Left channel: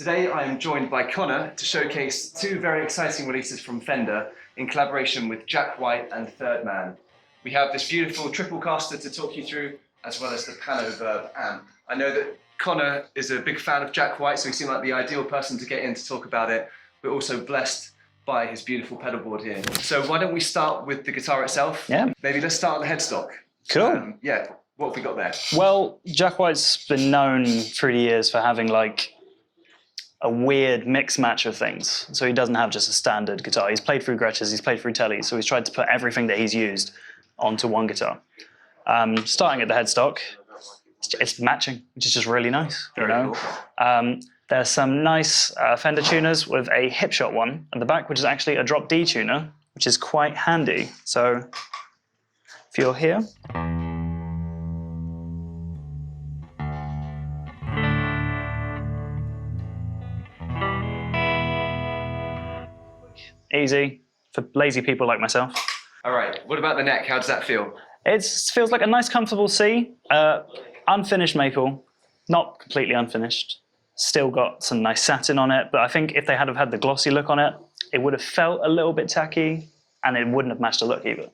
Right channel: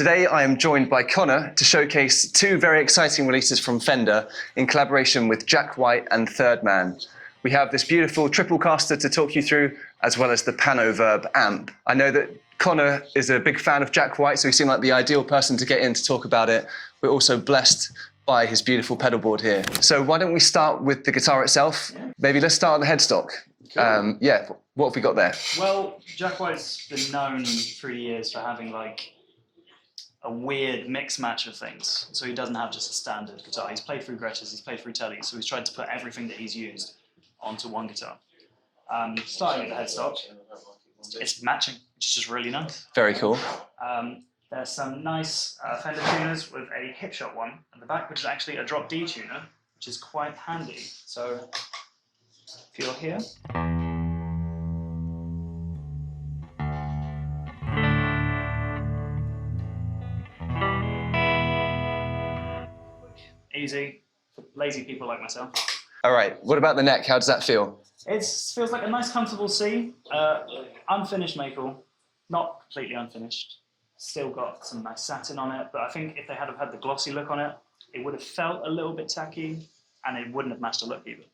Today I am joined by Connor to showcase two very exciting releases from Fender in collaboration with Jack White and Third Man. We have this beautiful Triplecaster to talk you through, as well as the Pano Verb amp. I know that Connor is a big fan of Jack White, so he seemed like the ideal person to get in to talk about it. We're also blessed by his beautiful pedal board here. So why don't we start with the guitar itself? Yeah. Maybe let's start at the headstock. Cool. Yeah, what have we got there? Well, Jack White's been known through the years for having like a weird mix match of things. So he doesn't have just a standard guitar. He's played through Gretsch's, he's played through Tellys, so he's tried to put everything that he's used onto one guitar. Starting at the headstock, it's matching, which is just really nice. Very cool. There's some nice Fender tuners with a hipshot one at the back, which is actually a drop D tuner, which is quite handy. So if you're here, easy for lazy people like myself. All right, what about the neck? How does that feel? It feels like a nice, comfortable C. Unfinished maple, not completely unfinished. Still got some nice satin on it, but I think if they had have had the glossy look on it, it would have felt a little bit tacky, and it wouldn't have matched the look either.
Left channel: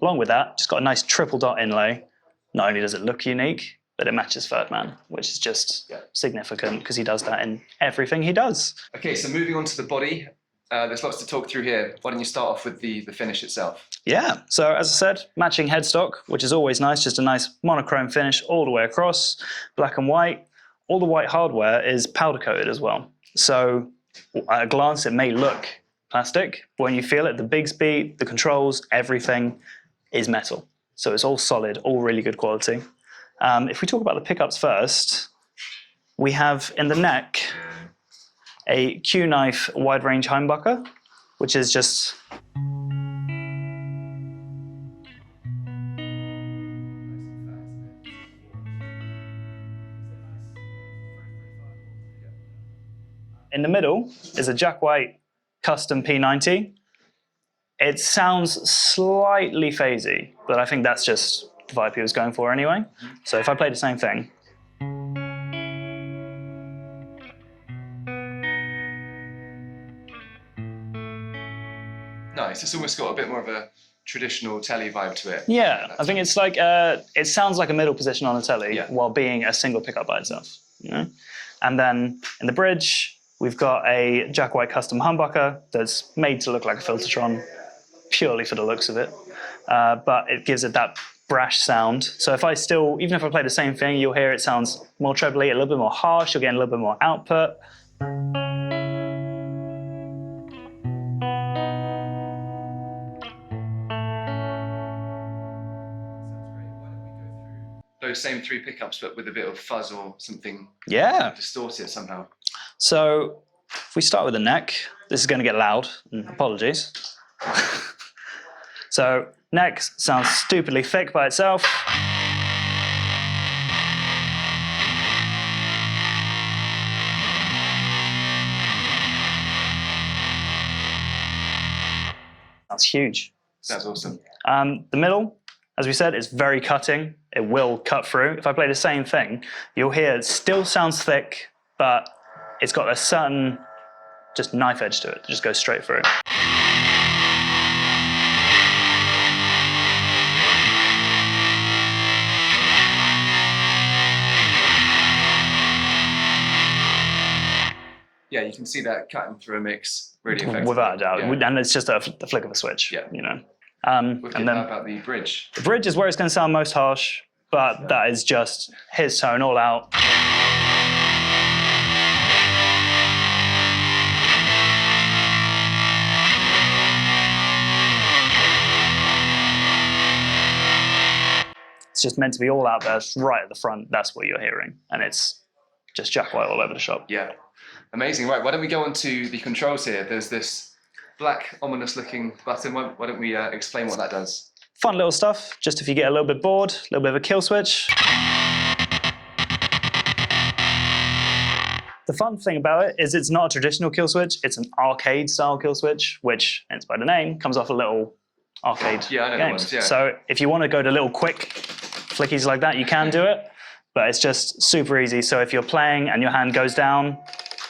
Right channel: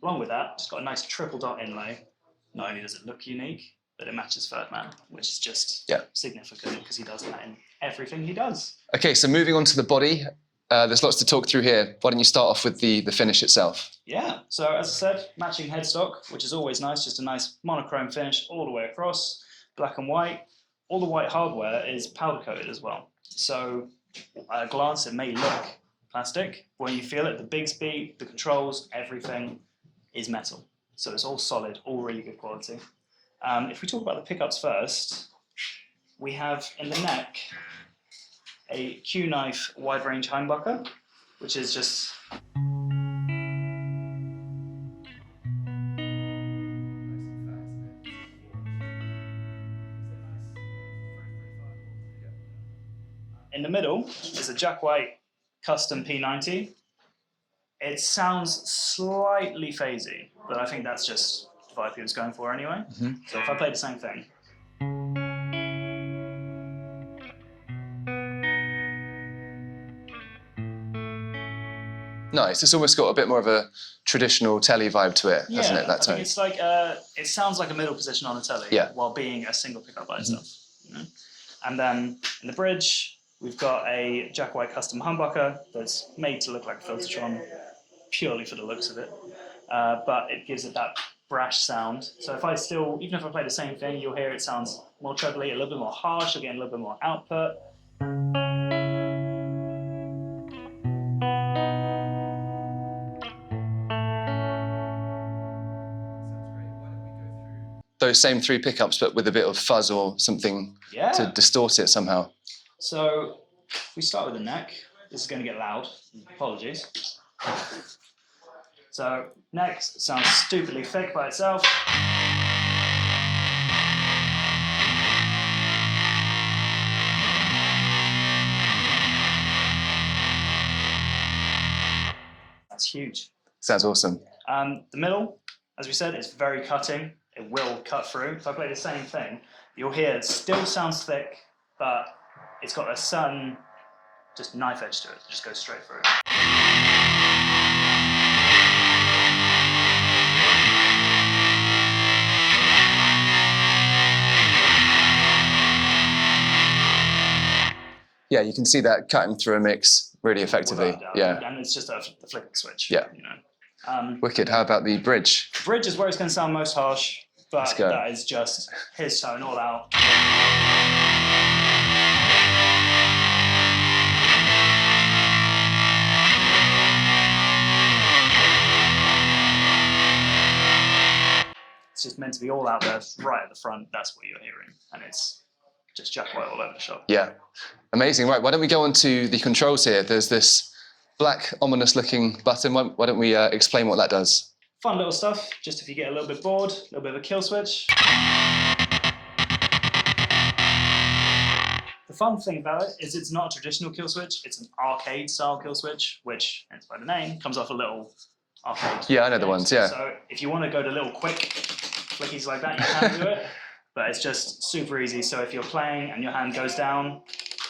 Along with that, just got a nice triple dot inlay. Not only does it look unique, but it matches Third Man, which is just significant because he does that in everything he does. Okay, so moving on to the body. There's lots to talk through here. Why don't you start off with the finish itself? Yeah, so as I said, matching headstock, which is always nice, just a nice monochrome finish all the way across, black and white. All the white hardware is powder coated as well. So at a glance, it may look plastic, but when you feel it, the big speed, the controls, everything is metal. So it's all solid, all really good quality. If we talk about the pickups first, we have in the neck, a Q-knife wide range humbucker, which is just in the middle is a Jack White custom P90. It sounds slightly phasey, but I think that's just the vibe he was going for anyway. So if I play the same thing, nice. It's almost got a bit more of a traditional telly vibe to it, hasn't it? I think it's like, it sounds like a middle position on a telly while being a single pickup by itself. You know? And then in the bridge, we've got a Jack White custom humbucker that's made to look like a Filtertron, purely for the looks of it. But it gives it that brash sound. So if I still, even if I play the same thing, you'll hear it sounds more trebly, a little bit more harsh, you'll get a little bit more output. Those same three pickups, but with a bit of fuzz or something to distort it somehow. So if we start with the neck, this is going to get loud, apologies. So neck sounds stupidly thick by itself. That's huge. Sounds awesome. The middle, as we said, is very cutting. It will cut through. If I play the same thing, you'll hear it still sounds thick, but it's got a certain just knife edge to it. It just goes straight through. Yeah, you can see that cutting through a mix really effectively. Without a doubt. And it's just a flick of a switch. You know. Wicked. How about the bridge? The bridge is where it's going to sound most harsh, but that is just his tone all out. It's just meant to be all out there, right at the front. That's what you're hearing, and it's just Jack White all over the shop. Yeah, amazing. Right, why don't we go on to the controls here? There's this black, ominous-looking button. Why don't we explain what that does? Fun little stuff, just if you get a little bit bored, a little bit of a kill switch. The fun thing about it is it's not a traditional kill switch, it's an arcade-style kill switch, which, hence by the name, comes off a little arcade I know the ones, So if you want to go to little quick flickies like that, you can do it, but it's just super easy. So if you're playing and your hand goes down,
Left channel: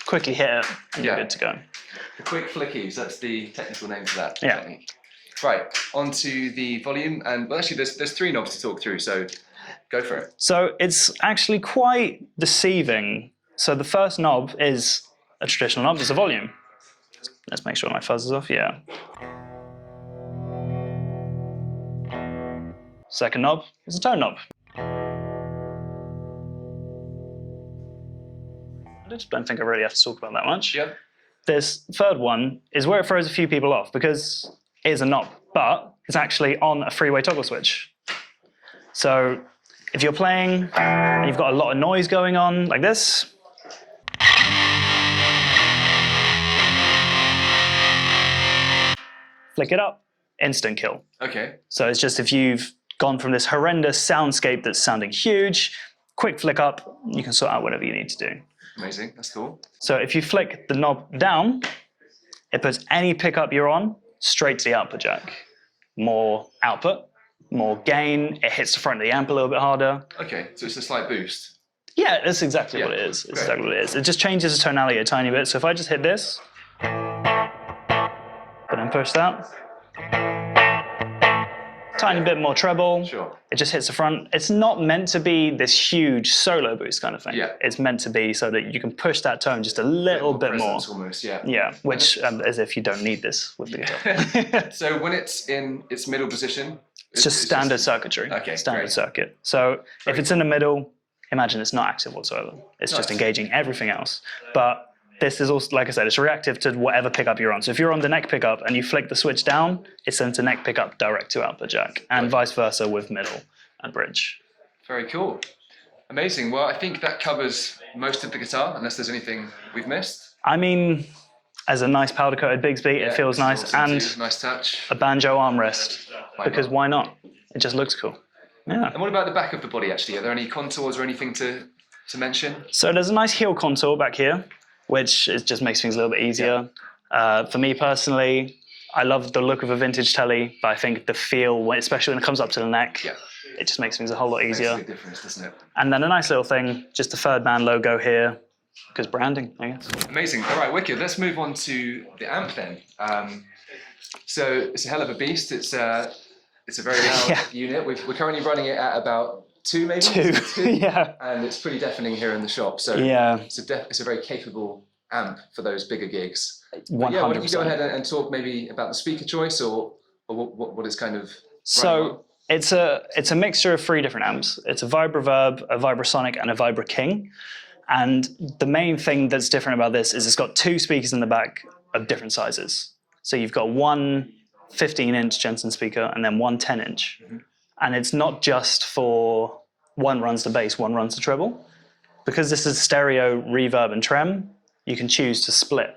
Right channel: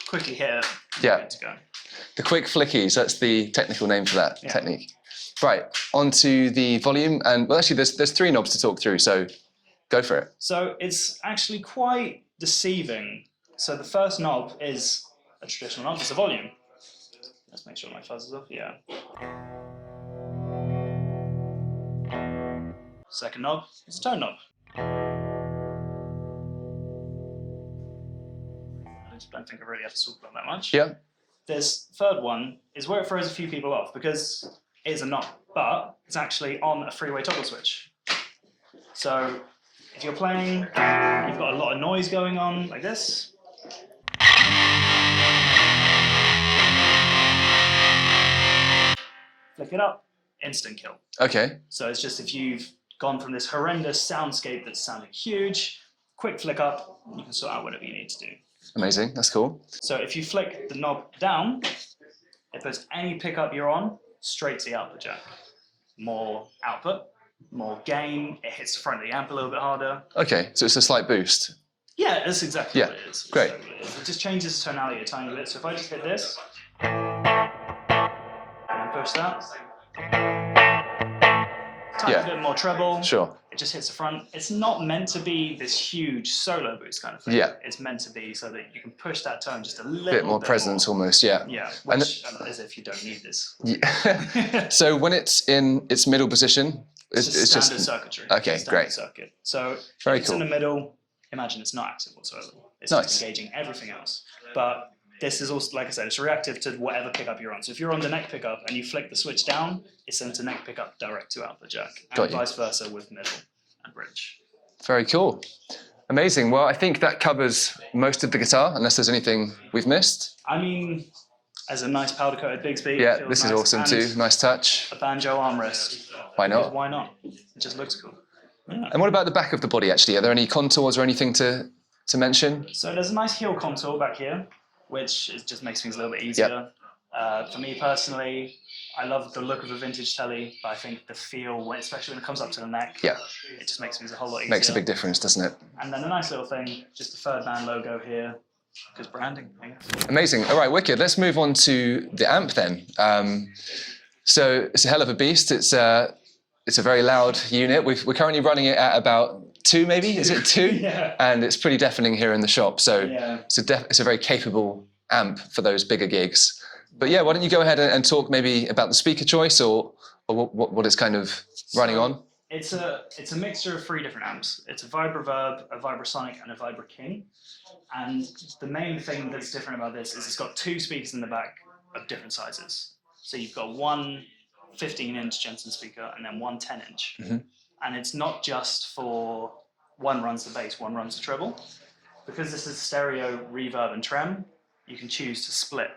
quickly hit it, and you're good to go. The quick flickies, that's the technical name for that technique. Right, onto the volume, and well, actually there's 3 knobs to talk through, so go for it. So it's actually quite deceiving. So the first knob is a traditional knob, it's a volume. Let's make sure my fuzz is off, yeah. Second knob is a tone knob. I just don't think I really have to talk about that much. Yeah. This third one is where it throws a few people off because it is a knob, but it's actually on a three-way toggle switch. So if you're playing and you've got a lot of noise going on like this, flick it up, instant kill. Okay. So it's just if you've gone from this horrendous soundscape that's sounding huge, quick flick up, you can sort out whatever you need to do. Amazing, that's cool. So if you flick the knob down, it puts any pickup you're on straight to the output jack. More output, more gain, it hits the front of the amp a little bit harder. Okay, so it's a slight boost. Yeah, that's exactly what it is. It's exactly what it is. It just changes the tonality a tiny bit. So if I just hit this, but then push that, tiny bit more treble. Sure. It just hits the front. It's not meant to be this huge solo boost kind of thing. Yeah. It's meant to be so that you can push that tone just a little bit more. Presence almost, yeah. Yeah, which as if you don't need this. So when it's in its middle position, it's just standard circuitry. Okay, standard circuit. So if it's in the middle, imagine it's not active whatsoever. It's just engaging everything else. But this is also, like I said, it's reactive to whatever pickup you're on. So if you're on the neck pickup and you flick the switch down, it sends a neck pickup direct to output jack, and vice versa with middle and bridge. Very cool. Amazing. Well, I think that covers most of the guitar, unless there's anything we've missed. I mean, as a nice powder-coated Bigsby, it feels nice. Is awesome too. Nice touch. A banjo armrest. Why not? Because why not? It just looks cool. Yeah. And what about the back of the body, actually? Are there any contours or anything to mention? So there's a nice heel contour back here, which just makes things a little bit easier. For me personally, I love the look of a vintage telly, but I think the feel, especially when it comes up to the neck, it just makes things a whole lot easier. Makes a big difference, doesn't it? And then a nice little thing, just the Third Man logo here, because branding, I guess. Amazing. All right, wicked. Let's move on to the amp then. So it's a hell of a beast. It's a very loud unit. We're currently running it at about 2 maybe? Is it 2? Yeah. And it's pretty deafening here in the shop. So it's a very capable amp for those bigger gigs. But yeah, why don't you go ahead and talk maybe about the speaker choice or what it's kind of running on? It's a mixture of 3 different amps. It's a Vibra Verb, a Vibrasonic, and a Vibra King. And the main thing that's different about this is it's got 2 speakers in the back of different sizes. So you've got one 15-inch Jensen speaker and then one 10-inch. Mm-hmm. And it's not just for one runs the bass, one runs the treble. Because this is stereo, reverb, and trem, you can choose to split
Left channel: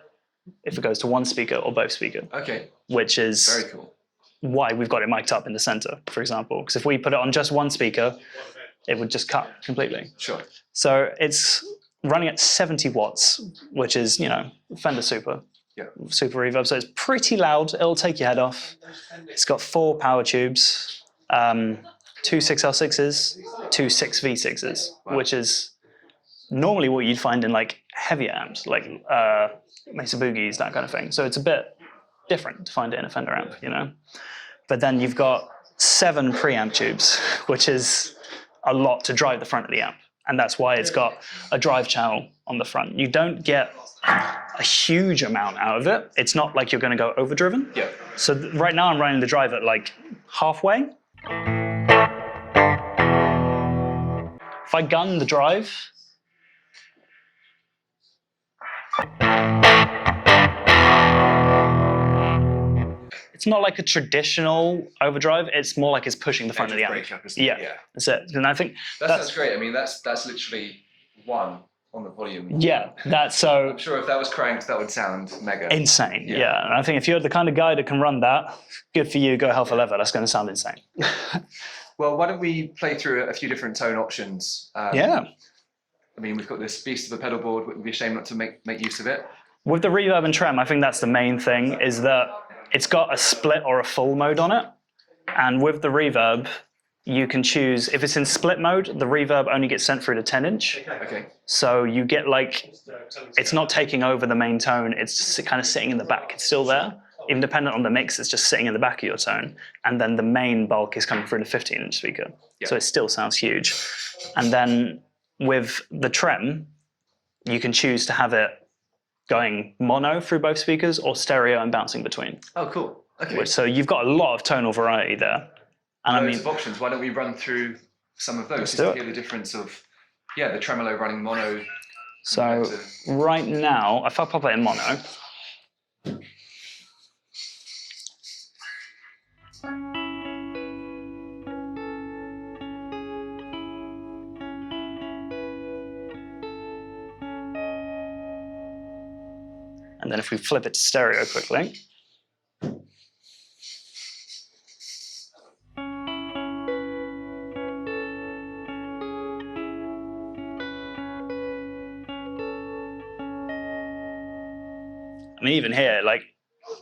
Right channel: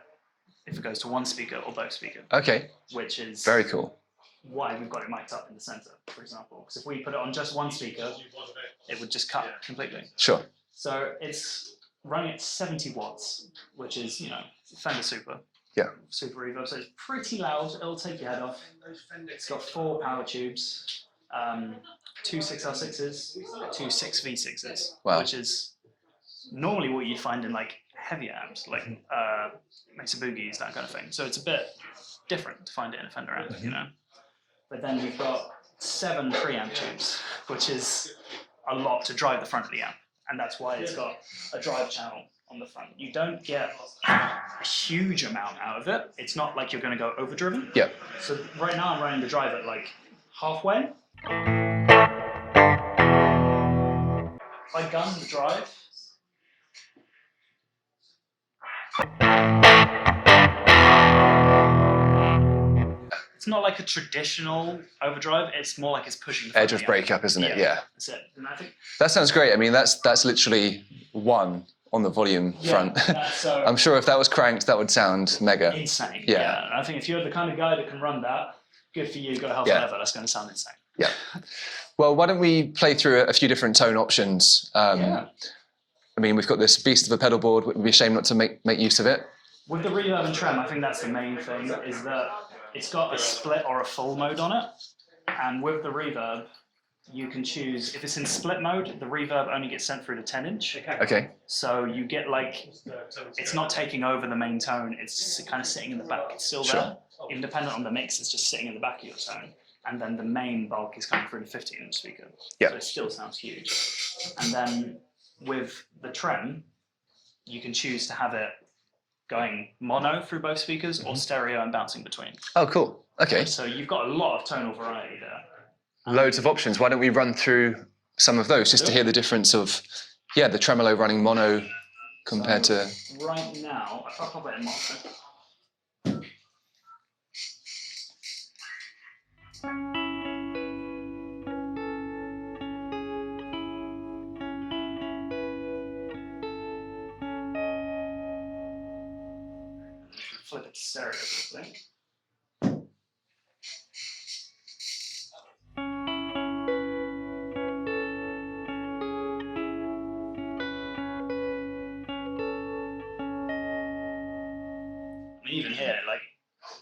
if it goes to one speaker or both speakers. Okay. Which is very cool. Why we've got it mic'd up in the center, for example. Because if we put it on just one speaker, it would just cut completely. Sure. So it's running at 70 watts, which is, Fender Super. Yeah. Super reverb. So it's pretty loud. It'll take your head off. It's got 4 power tubes, 2 6L6s, 2 6V6s, which is normally what you'd find in like heavier amps, like Mesa Boogies, that kind of thing. So it's a bit different to find it in a Fender amp, But then you've got 7 preamp tubes, which is a lot to drive the front of the amp. And that's why it's got a drive channel on the front. You don't get a huge amount out of it. It's not like you're going to go overdriven. Yeah. So right now I'm running the drive at like halfway. If I gun the drive, it's not like a traditional overdrive. It's more like it's pushing the front of the amp. Breakup, isn't it? Yeah. That's it. And I think that sounds great. I mean, that's literally 1 on the volume front. That's so. I'm sure if that was cranked, that would sound mega. Insane. Yeah. And I think if you're the kind of guy that can run that, good for you. Go hell for leather. That's going to sound insane. Well, why don't we play through a few different tone options? I mean, we've got this beast of a pedal board. We'd be ashamed not to make use of it. With the reverb and trem, I think that's the main thing, is that it's got a split or a full mode on it. And with the reverb, you can choose, if it's in split mode, the reverb only gets sent through to 10-inch. Okay. So you get like, it's not taking over the main tone, it's just kind of sitting in the back, it's still there. Even dependent on the mix, it's just sitting in the back of your tone. And then the main bulk is coming through the 15-inch speaker. So it still sounds huge. And then with the trem, you can choose to have it going mono through both speakers or stereo and bouncing between. Oh, cool. Okay. So you've got a lot of tonal variety there. And Loads of options. Why don't we run through some of those just to hear the difference of, the tremolo running mono compared to... Right now, if I pop it in mono, and then if we flip it to stereo quickly, I mean, even here, like,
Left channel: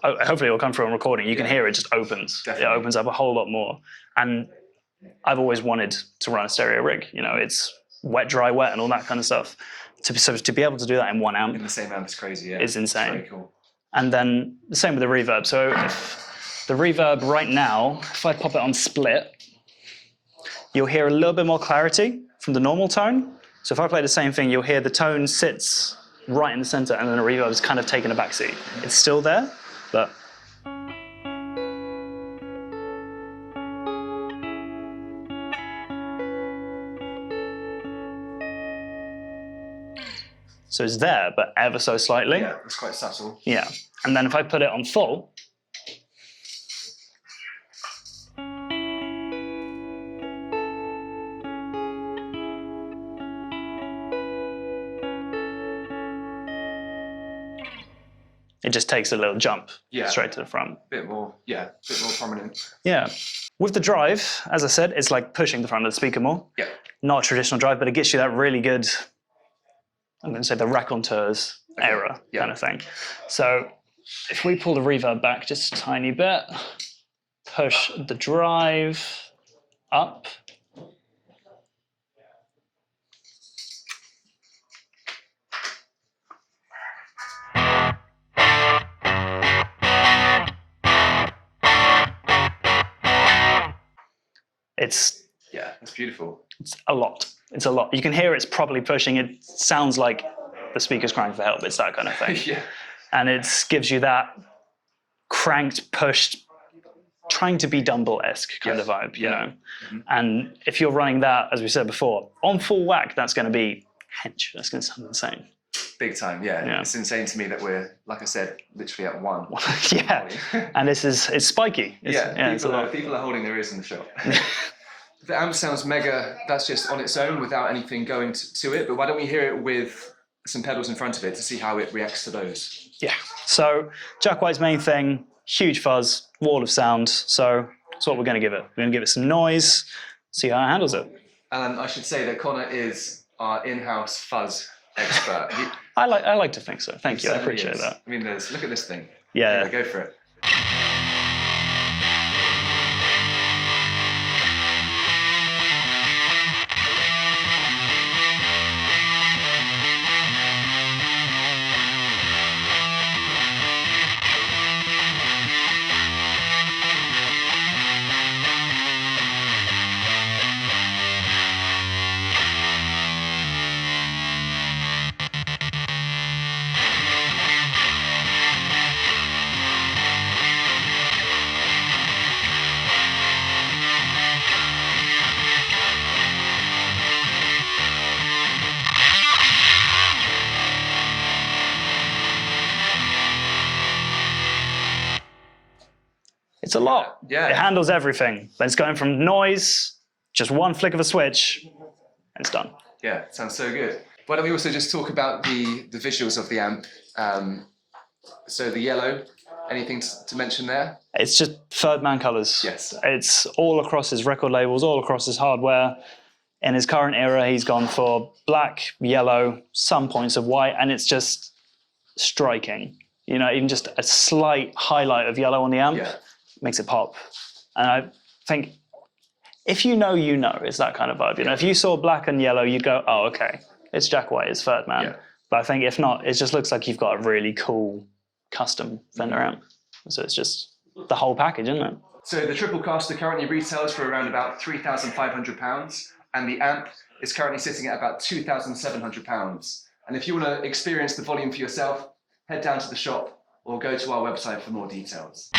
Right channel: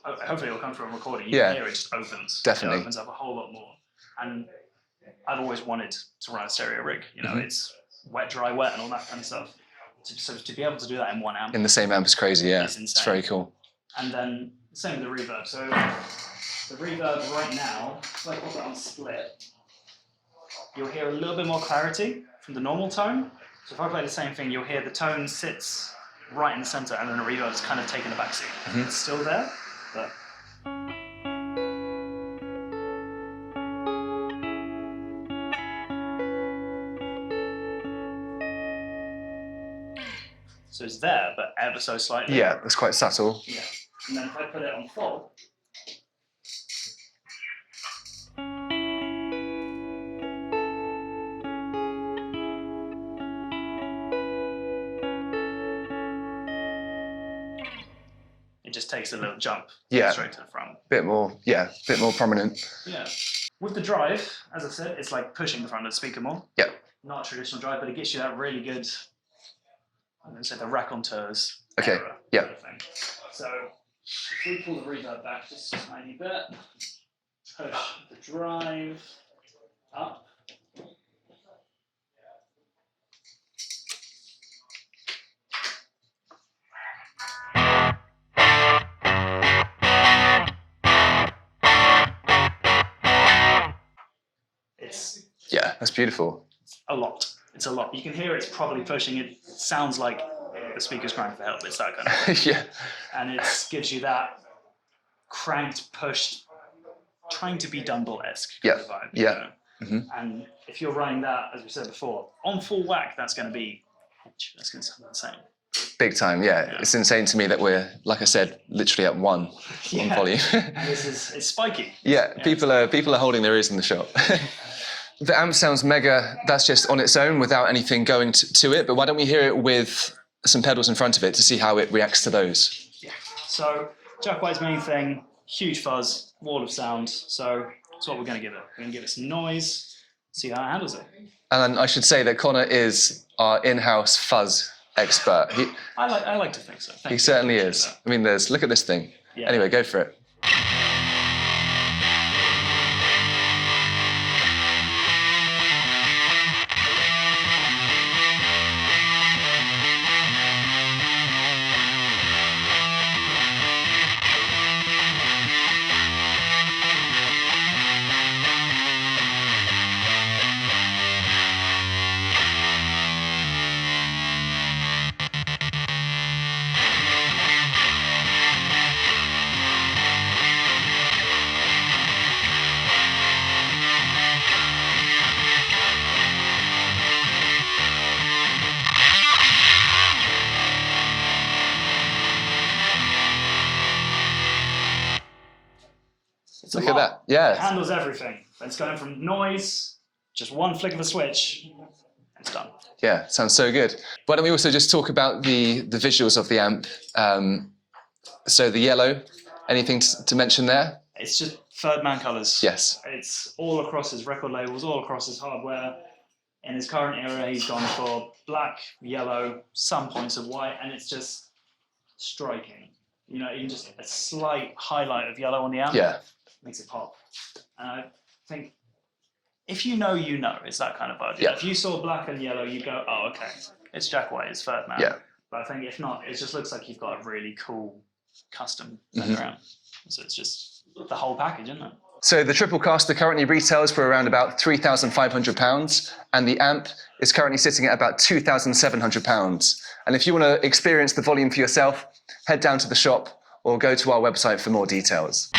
hopefully it'll come through on recording. You can hear it just opens. Definitely. It opens up a whole lot more. And I've always wanted to run a stereo rig. You know, it's wet, dry, wet, and all that kind of stuff. So to be able to do that in one amp in the same amp is crazy. Yeah, is insane. It's very cool. And then the same with the reverb. So the reverb right now, if I pop it on split, you'll hear a little bit more clarity from the normal tone. So if I play the same thing, you'll hear the tone sits right in the center, and then the reverb is kind of taking a backseat. It's still there, but so it's there, but ever so slightly. Yeah, it's quite subtle. Yeah, and then if I put it on full, it just takes a little jump straight to the front. Bit more prominent. Yeah. With the drive, as I said, it's like pushing the front of the speaker more. Yeah. Not a traditional drive, but it gets you that really good, I'm going to say the raconteurs era kind of thing. So if we pull the reverb back just a tiny bit, push the drive up, that's beautiful. It's a lot. It's a lot. You can hear it's probably pushing. It sounds like the speaker's crying for help. It's that kind of thing. And it gives you that cranked, pushed, trying to be Dumble-esque kind of vibe, you know? And if you're running that, as we said before, on full whack, that's going to be hench. That's going to sound insane. Big time, yeah. It's insane to me that we're, like I said, literally at one on volume. And it's spiky. People are holding their ears in the shop. The amp sounds mega, that's just on its own without anything going to it, but why don't we hear it with some pedals in front of it to see how it reacts to those? Yeah, so Jack White's main thing, huge fuzz, wall of sound, so that's what we're going to give it. We're going to give it some noise, see how it handles it. And I should say that Connor is our in-house fuzz expert. I like to think so, thank you. He certainly is. That. I mean, look at this thing. Yeah. Anyway, go for it. It's a lot. Yeah. It handles everything. But it's going from noise, just one flick of a switch, and it's done. Yeah, sounds so good. Why don't we also just talk about the visuals of the amp? So the yellow, anything to mention there? It's just third man colors. Yes. It's all across his record labels, all across his hardware. In his current era, he's gone for black, yellow, some points of white, and it's just striking. You know, even just a slight highlight of yellow on the amp makes it pop. And I think if you know, you know, it's that kind of vibe. You know, if you saw black and yellow, you go, oh, okay, it's Jack White, it's Third Man. Yeah. But I think if not, it just looks like you've got a really cool custom Fender amp. So it's just the whole package, isn't it? So the Triplecaster currently retails for around about £3,500, and the amp is currently sitting at about £2,700. And if you want to experience the volume for yourself, head down to the shop or go to our website for more details.